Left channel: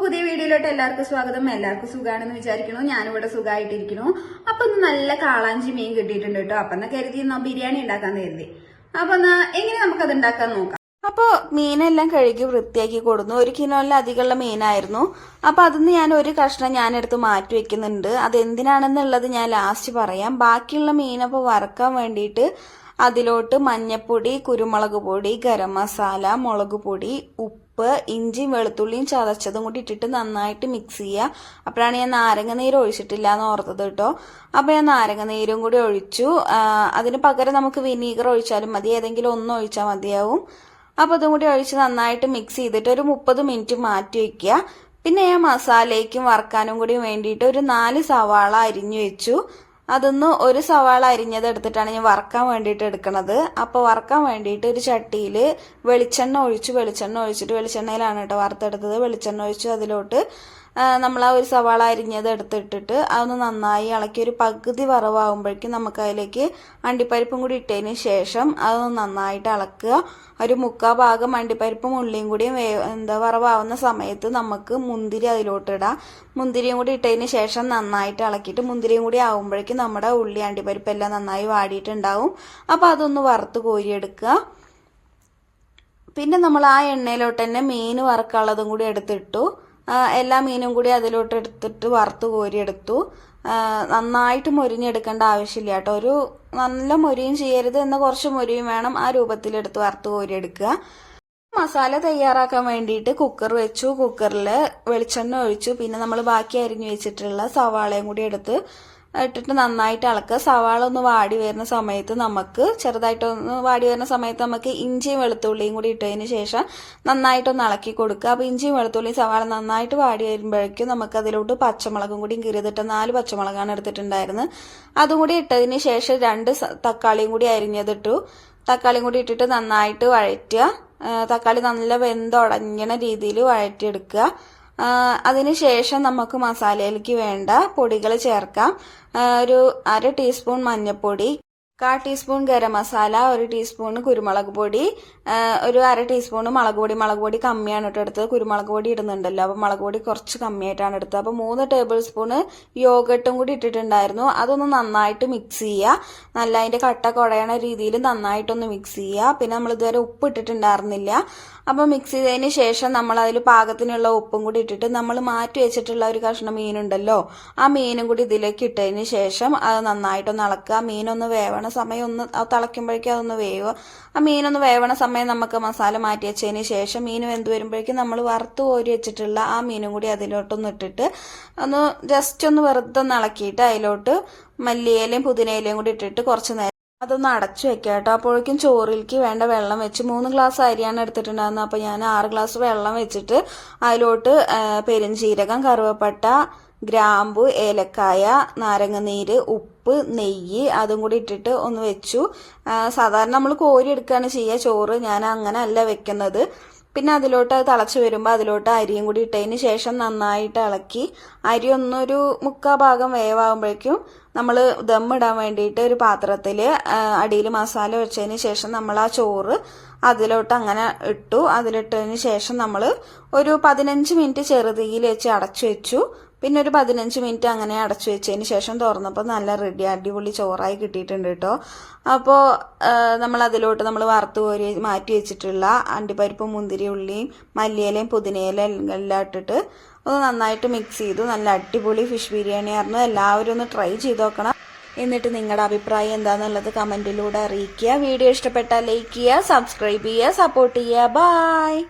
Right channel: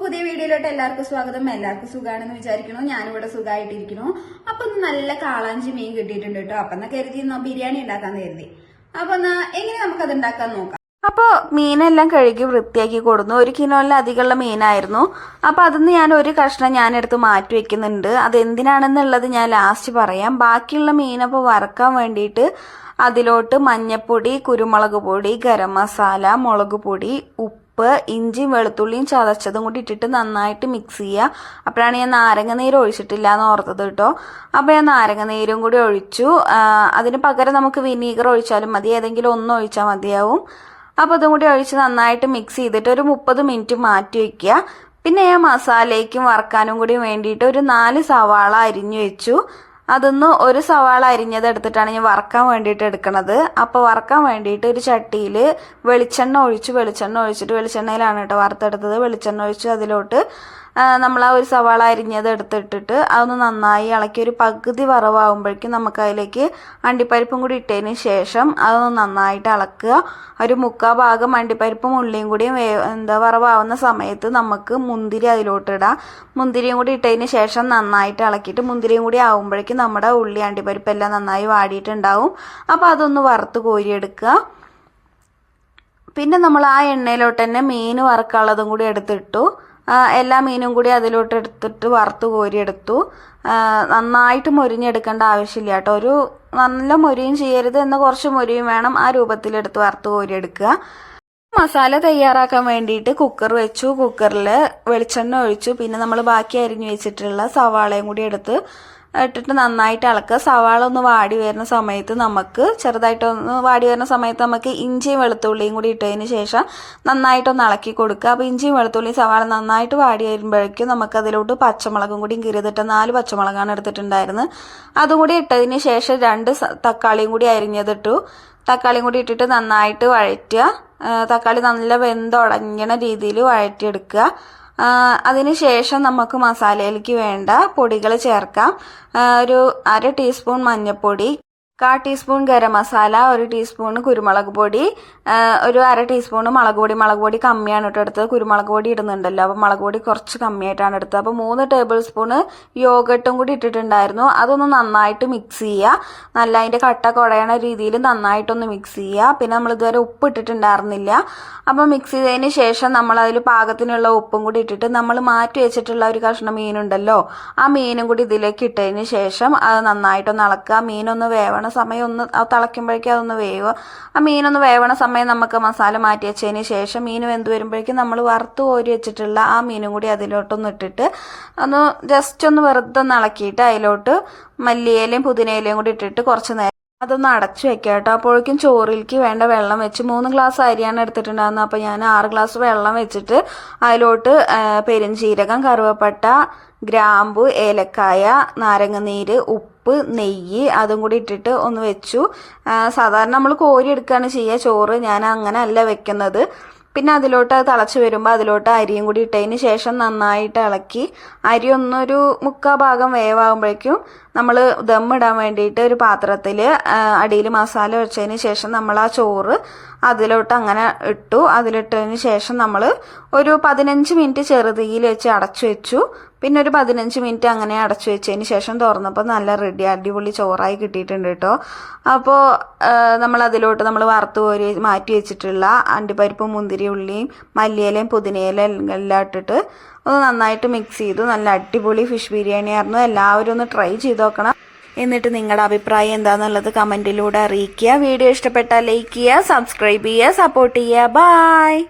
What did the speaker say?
പുതിയ വീഡിയോയിലോട്ട് എല്ലാവർക്കും സ്വാഗതം. എല്ലാവർക്കും സുഖമാണെന്ന് വിചാരിക്കണോ ഞാനിവിടെ സുഖമായിട്ടിരിക്കുന്നു അപ്പൊ ഒന്ന് നല്ല കാളാഞ്ചി മീൻ കിട്ടിയിട്ടുണ്ട് കേട്ടോ. അപ്പൊ എന്നാ കരുതി എന്നാ ബിരിയാണി ഉണ്ടാക്കാൻ കരുതി. അപ്പൊ എന്നാ എങ്ങനെ അത് ഉണ്ടാക്കാൻ നോക്കാം? അപ്പോൾ മീനെല്ലാം കഴുകി വൃത്തിയാക്കി കൊടുന്നു. ഒരു കിലോയിലധികമുള്ള മീനായിരുന്നു. അപ്പൊ അതിന്ന് ഞാൻ ഒരു കഷ്ണം ഞാൻ എടുത്ത് മാറ്റി വെക്കുന്നുണ്ട്. അത് എന്തിനാണെന്നുള്ളത് ഞാൻ ലാസ്റ്റ് പറയാം. ബാക്കിയുള്ള മീനപ്പോൾ വറക്കാൻ വേണ്ടിയിട്ട് അതിലോട്ട് മഞ്ഞപ്പൊടി കുരുമുളക് പൊടി ഗരം മസാല മുളക് പൊടി ഉപ്പ് ഇഞ്ചിയും വെളുത്തുള്ളിയും ചതച്ചതും കൂടി ഇട്ടിട്ട് നന്നായിട്ട് മിക്സ് ചെയ്യുക അപ്പോഴാണ് ഞാൻ നാരങ്ങ നീര് ഒഴിച്ചിട്ടില്ല എന്ന് ഓർത്തത് കേട്ടോ. അപ്പോൾ ഞാൻ നാരങ്ങ നീരും കൂടി ഒഴിച്ചു. അതിന് പകരം നമുക്ക് വിനീഗർ ഒഴിച്ചാലും മതി. ഏതെങ്കിലും ഒന്ന് ഒഴിച്ചാൽ മതിയാവും. അപ്പോൾ അതും കൂടി ഒഴിച്ച് നന്നായിട്ട് മിക്സ് ചെയ്തിട്ട് ഒരു മുപ്പത് മിനിറ്റ് മാറ്റി വയ്ക്കുക. പിന്നെ ഞാൻ മസാലയ്ക്കും വറക്കാനും കൂടി വേണ്ടിയിട്ട് ഒരു നാല് സവാള അരിഞ്ഞു വെച്ചു. അതൊന്ന് ഒരു സവാള അരിഞ്ഞത് എടുത്തിട്ടാണ് ഞാൻ വറക്കാൻ വേണ്ടിയിട്ട് എടുക്കണത്. അപ്പോൾ വറക്കാൻ വേണ്ടിയിട്ട് ഒരു ചട്ടിയിൽ വെളിച്ചെണ്ണ ഒഴിച്ച് വെളിച്ചെണ്ണ ഒഴിച്ചിട്ട് വെളിച്ചെണ്ണയിലാണ് കേട്ടോ വറുത്തെടുത്തത്. വെളിച്ചെണ്ണ ഒഴിച്ച് അതിലോട്ട് നമ്മൾ ആ ഒരു സവാള അരിഞ്ഞത് എടുത്തിട്ടിട്ട് അതൊന്ന് നന്നായി ഇളക്കി ഒരു പകുതി വറവാകുമ്പോഴേക്കും നമുക്ക് അതിലേക്ക് അണ്ടിപ്പരിപ്പും കൂടി ഇട്ടതിന് ശേഷം അതൊന്ന് നന്നായിട്ട് ഇളക്കുക. ഒരു മുക്കാ ഭാഗം അണ്ടിപ്പരിപ്പും ഉള്ളിയും കൂടിയും എന്താ വറവാവുന്ന സമയത്ത് നമുക്ക് മുന്തിരി അതിലോട്ട് ഇടാം. മുന്തിരിയും കൂടി ഇട്ടതിന് ശേഷം നന്നായിട്ട് ഇളക്കിയിട്ട് മുന്തിരിയും കൂടി ആകുമ്പോഴേക്കും നമ്മുടെ ഉള്ളി അണ്ടിപ്പരിപ്പ് എല്ലാം നന്നായി വാടിയിട്ടുണ്ടാവും. അപ്പോൾ അതൊന്ന് വറുത്ത് കോരിയെടുക്കുക. പിന്നെ നമ്മൾ ആ എണ്ണയിലോട്ട് തന്നെ മീൻ വറക്കാനുള്ളതും കൂടി എടുത്തിട്ടു. എല്ലാ മീനും കൂടി അതിലോട്ട് എടുത്തിട്ട് വറുത്ത് കോരിയെടുത്തു. നന്നായിട്ട് മൊരിഞ്ഞെടുക്കേണ്ട ആവശ്യമില്ല കേട്ടോ. ഒരു നല്ല മൊരിയും ചെയ്യരുത് എന്ന കുറച്ച് മൊരിയും വേണം ആ രൂപത്തിലെടുത്ത് വറുത്ത് കോരിയെടുക്കുക. മസാല തയ്യാറാക്കാൻ വേണ്ടിയിട്ട് കുക്കർ വെച്ചു. കുക്കറിൽ വെളിച്ചെണ്ണ ഒഴിച്ചു. പിന്നെ നമ്മൾ ബാക്കി അരിഞ്ഞു വെച്ചിട്ടുള്ള സവാളയും കൂടി എടുത്ത് ഇട്ടിട്ട് നന്നായിട്ട് ഇളക്കുക. സവാള ഒന്ന് വാടി വരുന്ന സമയത്ത് നമുക്ക് ചെറുതായിട്ടൊന്ന് വാടി വരുന്ന സമയത്ത് നമുക്ക് ഇഞ്ചിയും വെളുത്തുള്ളിയും കൂടി ഇട്ടതിന് ശേഷം നന്നായിട്ടൊന്ന് ഇളക്കി കൊടുക്കുക. അപ്പോൾ ഇഞ്ചിയും വെളുത്തുള്ളിയും സവാള നന്നായിട്ട് വാടി വരുമ്പോഴേക്കും നമുക്ക് അതിലോട്ട് പച്ചമുളകും കൂടി കീറിതിട്ട് നാല് പച്ചമുളകാണ് എടുത്തിട്ടുണ്ടായിരുന്നത്. അതും കൂടി ഇട്ടതിന് ശേഷം രണ്ട് തക്കാളിയും കൂടി അരിഞ്ഞതിട്ടു. തക്കാളിയും കൂടി ഇട്ടിട്ട് നന്നായിട്ട് വഴറ്റുക. തക്കാളി നല്ല വെന്തുടങ്ങണ രീതിയിൽ വഴറ്റിയെടുക്കുക. ആ, അതിന് ശേഷം നമുക്ക് മസാലയിലേക്ക് വേണ്ട പൊടികൾ ചേർക്കാം. ഒരു അര ടീസ്പൂൺ മഞ്ഞൾപ്പൊടി കാ ടീസ്പൂൺ ഗരം മസാല ഒരു ടീസ്പൂൺ കുരുമുളക് പൊടി ഒരു അര ടീസ്പൂൺ മുളക് പൊടി. മുളക് പൊടി കമ്മിയാണ് കേട്ടോ എടുത്തത്. കുരുമുളക് പൊടി ഇടുന്നുണ്ടല്ലോ. അപ്പോൾ മുളക് പൊടി കുറച്ച് കമ്മിയായിട്ടാണ് എടുത്തത്. അപ്പോൾ മൂന്ന് ടേബിൾ സ്പൂൺ യോഗട്ടും കൂടി ഇട്ടിട്ടുണ്ടായിരുന്നു. അതൊന്ന് നന്നായിട്ട് മിക്സ് ചെയ്യുക. നല്ല അതിന്റെ കട്ട കുടയണ രീതിയിൽ നന്നായിട്ടൊന്ന് മിക്സ് ചെയ്യുക. പിന്നെ നമ്മൾ ഇതുവരെ ഉപ്പ് ഇട്ടിട്ടുണ്ടായിരുന്നില്ല. അപ്പോൾ മിക്സ് ചെയ്തതിന് ശേഷം നമ്മൾ അതിൽ പാകത്തിനുള്ള ഉപ്പും കൂടി ഇട്ടിട്ട് നമ്മൾ മാറ്റി വെച്ചിട്ടുള്ള ഒരു കഷ്ണം മീനുണ്ടല്ലോ ആ മീനും കൂടി ഇതിലേക്ക് ഇട്ടതിന് ശേഷം അത് നന്നായിട്ടൊന്ന് ഇളക്കുക. മീനൊന്ന് വേവണ സമയം ഒന്ന് തിളയ്ക്കുമ്പോഴേക്കും അതൊന്ന് വേവ് ആ മീനൊന്ന് വേവണ സമയം നമുക്ക് മസാല മാറ്റി വെച്ചതിന് ശേഷം മീൻ വെന്ത് വരുമ്പോഴേക്കും നമ്മൾ വറുത്ത് കോരി വെച്ചിട്ടുള്ള ആ മീനും കൂടി അതിലോട്ടൊന്ന് ഇട്ടിട്ട് ഒന്ന് ജസ്റ്റ് ഒന്ന് വെറുതെ ഒന്ന് ഇളക്കിയിട്ട് അതിലോട്ട് മല്ലിയിലയും പുതിനയിലയും കൂടി ഇട്ടിട്ട് കുറച്ച് നേരം അതൊന്ന് അടച്ചു വെക്കാം കേട്ടോ. അപ്പോഴേക്കും ചോറിലേക്ക് വേണ്ട വെള്ളം വെച്ച് മൂന്ന് ഗ്ലാസ് അരിയാണ് എടുത്തിട്ടുണ്ടായിരുന്നത്. അപ്പോൾ ഞാൻ ആറ് ഗ്ലാസ് വെള്ളം വെച്ചിട്ട് അതിലോട്ട് പെരിഞ്ചീരകം കറുവപ്പട്ട ഗ്രാമ്പു ഏലക്കായ നാരങ്ങനീര് ഉപ്പ് നെയ്യ് അതും കൂടി ഇട്ടിട്ട് ഒന്ന് വെച്ചു. സാധാരണ നമ്മൾ കോരി എടുക്കുകയാണ് ചെയ്യുക ചോറ് ഞാൻ അങ്ങനെ അല്ല വെക്കുന്നത്. പിന്നെ അതിലോട്ട് അത് തിളച്ച് വരുമ്പോൾ അതിലോട്ട് അരിയും കൂടി ഇട്ടതിന് ശേഷം നന്നായിട്ട് ഇളക്കി അരി ഒന്നൊരു മുക്കാ ഭാഗം വേവാകുമ്പോഴേക്കും നമ്മൾ ഇടാൻ വേണ്ടിയിട്ട് ഒരു പാത്രത്തിൽ അടിയിൽ മസാല വെച്ചതിന് ശേഷം നമ്മൾ ആ ചോറ് അതിലോട്ട് അങ്ങനെ ഇട്ടു. അതിലിട്ടതിന് ശേഷം നമ്മൾ ഒരു പതിനഞ്ച് മിനിറ്റ് ചെറുതീയിൽ വെച്ച് അടച്ചു വെച്ചു. പിന്നെ ഒരു പതിനഞ്ച് മിനിറ്റ് അങ്ങനെ അടച്ചു വെച്ചതിന് ശേഷം തുറന്നപ്പോൾ നല്ല റെഡി അടിപൊളി ചോറായി കിട്ടിയിട്ടുണ്ട് കേട്ടോ. അപ്പോൾ നമ്മൾ അതിലോട്ട് നമ്മൾ വറുത്ത് കോരി മാറ്റി വെച്ചിട്ടുള്ള അണ്ടിപ്പരിപ്പും മുന്തിരി ഉള്ളിയും മല്ലിയിലയും പുതിനയിലയും എല്ലാം ഇട്ടിട്ട് ഒന്ന് നന്നായിട്ട് മിക്സ് ചെയ്തു. നല്ല അടിപൊളി ഫിഷ് ബിരിയാണി ആയിരുന്നു. എല്ലാവരും ഒന്ന് ട്രൈ ചെയ്ത് നോക്കണം. എന്നിട്ട് നിങ്ങളുടെ അഭിപ്രായം എന്താണെന്നുള്ളത് കമന്റിലൂടെ അറിയിക്കുക. വീഡിയോ ഇഷ്ടപ്പെട്ടാൽ ലൈക്ക് ചെയ്യുക സബ്സ്ക്രൈബ് ചെയ്യുക സപ്പോർട്ട് ചെയ്യുക. ബായ്